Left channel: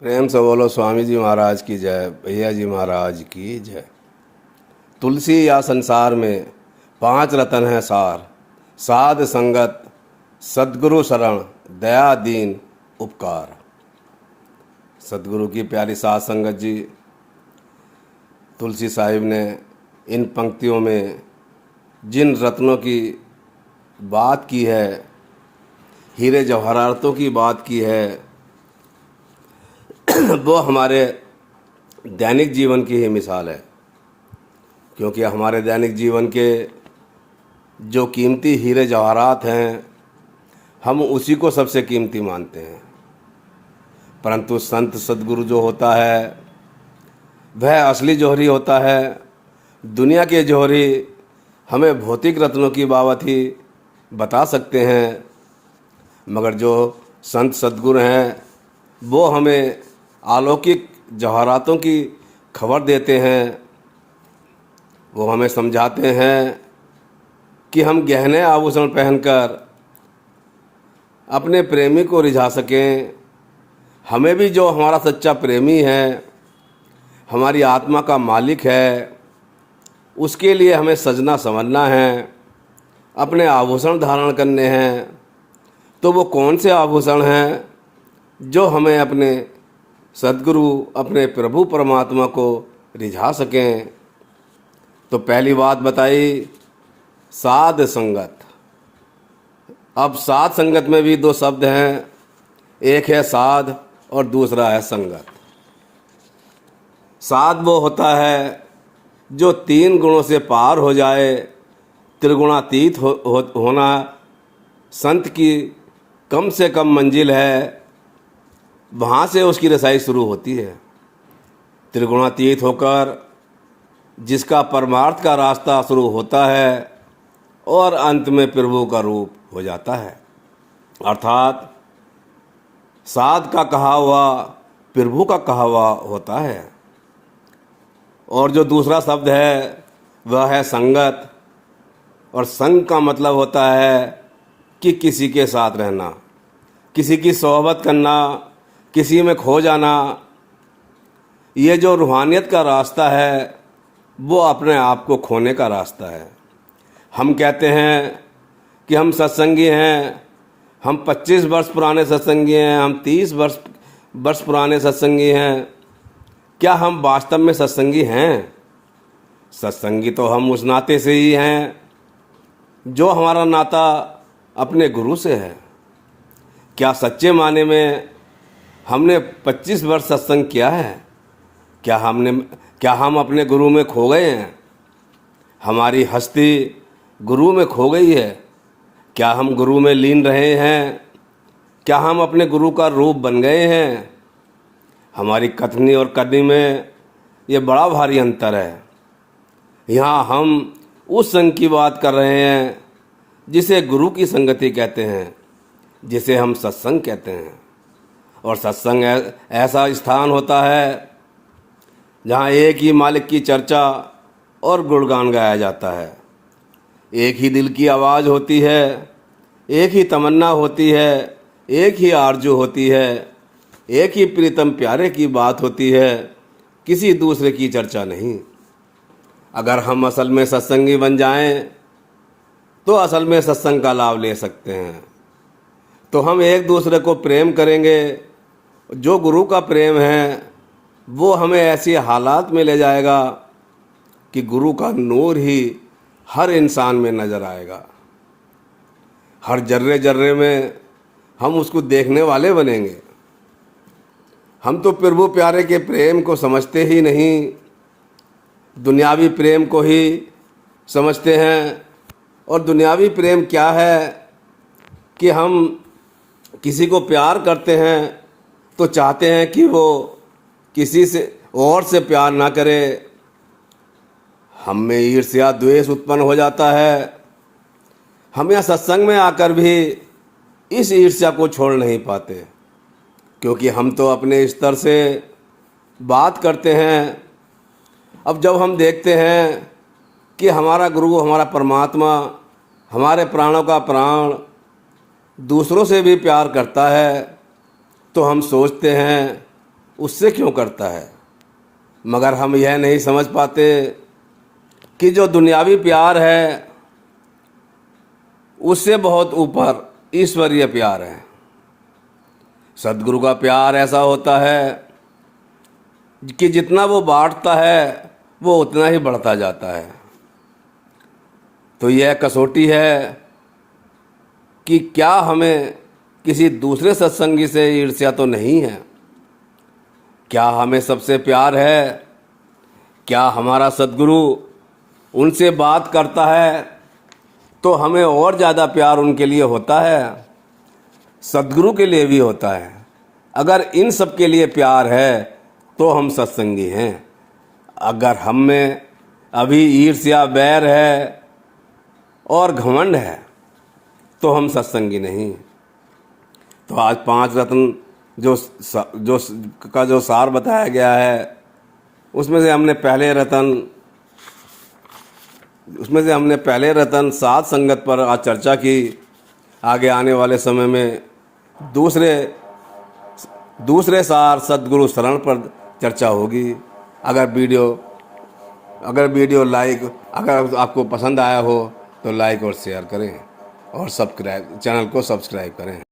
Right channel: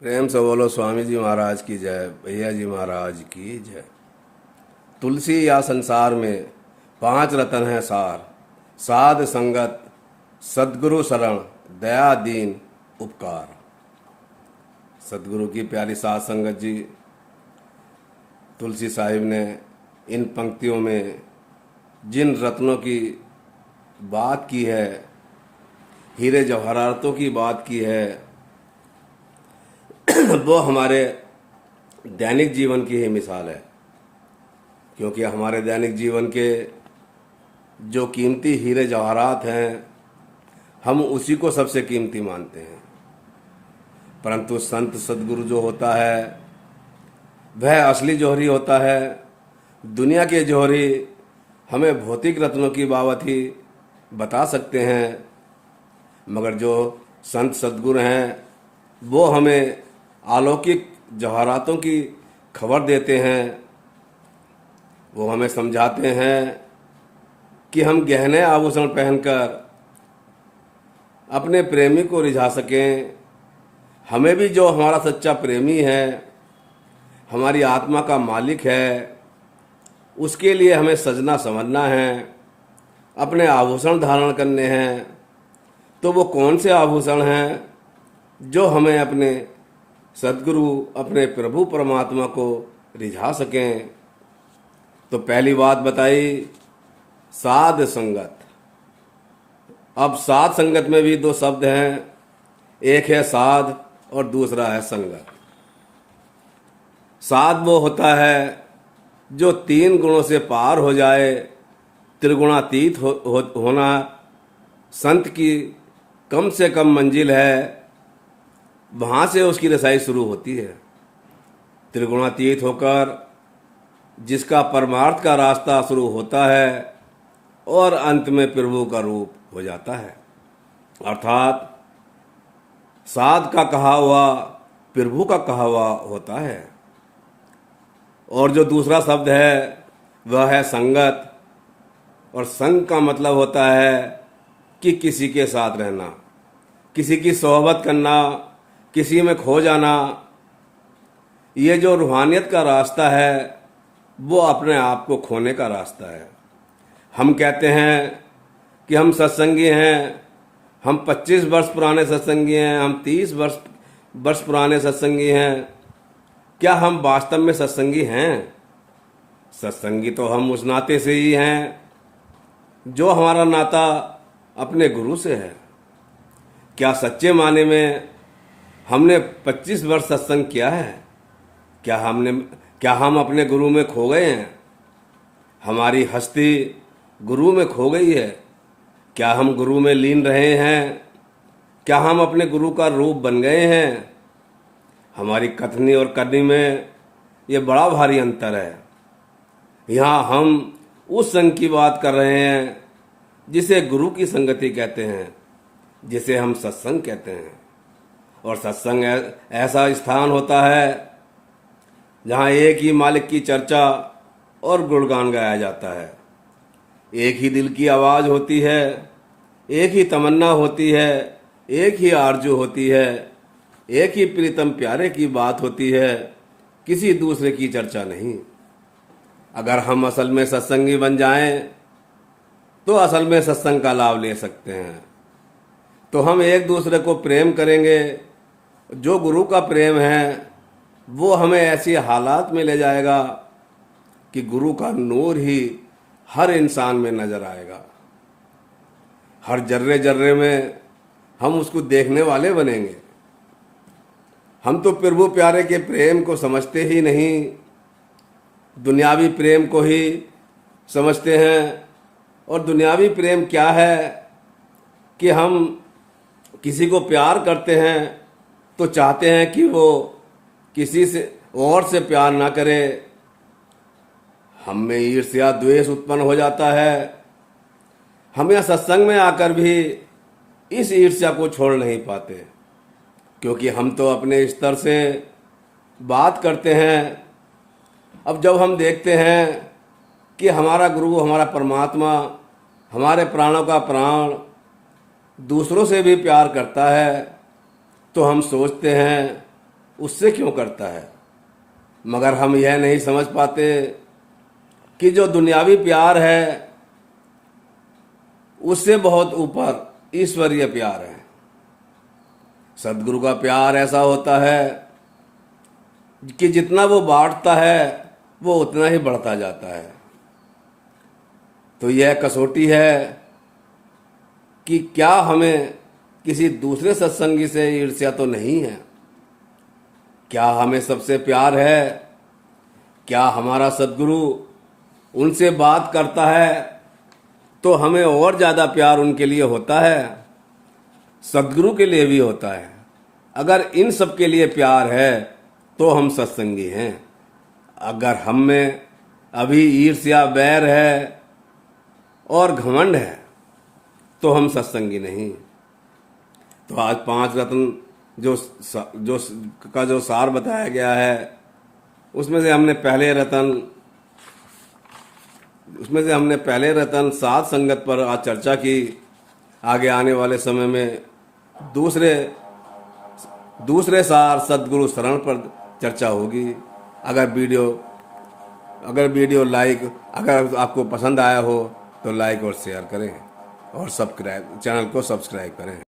प्रेम से बोलो स्वामी जी महाराज की जय, भैया जी महाराज की जय। तुलसी या संसार में पांच रतन है सार, साध संगत, सद्गुरु शरण, दया दीन उपकार। सद्गुरु की प्यारी साध संगत जी, तुलसी साहिब ने इन पंक्तियों में जिन रत्नों की बात की है, हीरे जवाहरातों की बात की है, वो हमारे दैनिक जीवन की ही मिसाल है। क्योंकि हमारे दैनिक जीवन के जो कीमती हीरे जवाहरात हैं, हम उसी को सबसे कीमती मानते हैं। परंतु संत सद्गुरु जो होता है वह असली जौहरी होता है। दुनिया के जौहरी हमें भौतिक रत्नों की बाबत ही बता सकते हैं, मगर जो संत सद्गुरु हैं वो हमें अलौकिक जवाहरातों की खबर देते हैं। वो हमें समझाते हैं कि हम गहने आभूषण पहनकर अपने प्रेमी को रिझा सकें। हमें भी जो हमारा सच्चा प्रेमी है, हमारी आत्मा का मालिक है, उसके लिए हमें सजना संवरना है, अपने आभूषण धारण करने हैं। तो वो कौन से आभूषण हैं जो हमें अपने सद्गुरु, अपने प्रभु परमात्मा को रिझा सकें? तो पहली बात बताई साध संगत। अब साध संगत में भी दो शब्द हैं, एक है साध और दूसरा है संगत। साध वो होता है जो तीन गुणों से पार हो जाए, त्रिगुणातीत होना संत की कम से कम मंजिल है। वहाँ से उसकी रसाई शुरू होती है। त्रिगुणातीत होकर जिसका परमार्थ का रास्ता शुरू होता है और अंत में प्रभु का रूप हो जाता है। अर्थात साध का कहा हुआ प्रभु का कहा हुआ होता है। और जो दूसरा शब्द है वह है संगत। और संग का मतलब होता है कि किसी के साथ रहना, किसी की सोहबत करना, किसी में खो जाना। ये जो रूहानियत का रास्ता है वो अपने आप को खोने का रास्ता है। हम कहते हैं कि हम सत्संगी हैं, हम 25 वर्ष पुराने सत्संगी हैं, हम 30 वर्ष पुराने सत्संगी हैं। क्या हम वास्तव में सत्संगी हैं? सत्संगी तो हम उस नाते से ही हैं जो हमारा नाता अपने गुरु से है। क्या सच्चे माने में हमने 25 वर्ष सत्संग किया है? क्या हम अपने गुरु में खो गए हैं? हमारी हस्ती गुरु में खो गई है? क्या हम गुरु में लीन रहे हैं? क्या हम अपने गुरु का रूप बन गए हैं? हमारी कथनी और करनी में ये बड़ा भारी अंतर है। यहाँ हम उस संग की बात कर रहे हैं जिसे गुरु की संगति कहते हैं, जिसे हम सत्संग कहते हैं। और सत्संग ऐसा स्थान होता है जहाँ एक ही मालिक की चर्चा और गुणगान गाया जाता है। एक ही दिल की आवाज़ होती है, एक ही तमन्ना होती है, एक ही आरजू होती है, एक ही प्रीतम प्यारे की बात होती है, किसी दूसरे की चर्चा नहीं। अगर हम असल में सत्संगी बन जाएं तो असल में सत्संग का लाभ ले सकते हैं। तो हम एक दूसरे को प्रेम करेंगे। जो गुरु का प्रेम है वो हमें ऐसी हालात में ले जाएगा कि गुरु का नूर ही हर इंसान में नजर आएगा। हर जर्रे जर्रे में हम उसको देखने वाले बनेंगे। हम तो प्रभु प्यारे के प्रेम को समझते ही नहीं, दुनियावी प्रेम को ही समझते हैं। और दुनियावी प्रेम क्या है कि हम किसी को प्यार करते हैं तो चाहते हैं कि वो किसी से और से प्यार ना करे। हम में ईर्ष्या द्वेष उत्पन्न हो जाता है। हम यहाँ सत्संग में आकर भी इस ईर्ष्या को छोड़ नहीं पाते, क्योंकि हम तो अपने स्तर से बात करते हैं। अब जब हम देखते हैं कि हमारा गुरु, हमारा परमात्मा, हमारे प्राणों का प्राण दूसरों से भी प्यार करता है, तो हम सोचते हैं उससे क्यों करता है, मगर हम यह नहीं समझ पाते कि जो दुनियावी प्यार है उससे बहुत ऊपर ईश्वरीय प्यार है। सदगुरु का प्यार ऐसा होता है कि जितना वो बांटता है वो उतना ही बढ़ता जाता है। तो यह कसौटी है कि क्या हमें किसी दूसरे सत्संगी से ईर्ष्या तो नहीं है, क्या हमें सबसे प्यार है, क्या हमारा सदगुरु उनसे बात करता है तो हमें और ज़्यादा प्यार उनके लिए होता है, सदगुरु के लिए भी होता है। अगर इन सब के लिए प्यार है तो हम सत्संगी हैं। अगर हम में अभी ईर्ष्या, बैर है और घमंड है तो हम सत्संगी नहीं। तो आज 5 रत्न जो सार बताया गया है उसमें से हमने पहले रत्न साध संगत पर आज चर्चा की। आगे आने वाले समय में दूसरे सार सद्गुरु शरण पर चर्चा होगी। अगर आपको पसंद आया हो तो लाइक और शेयर करें और चैनल को सब्सक्राइब करें।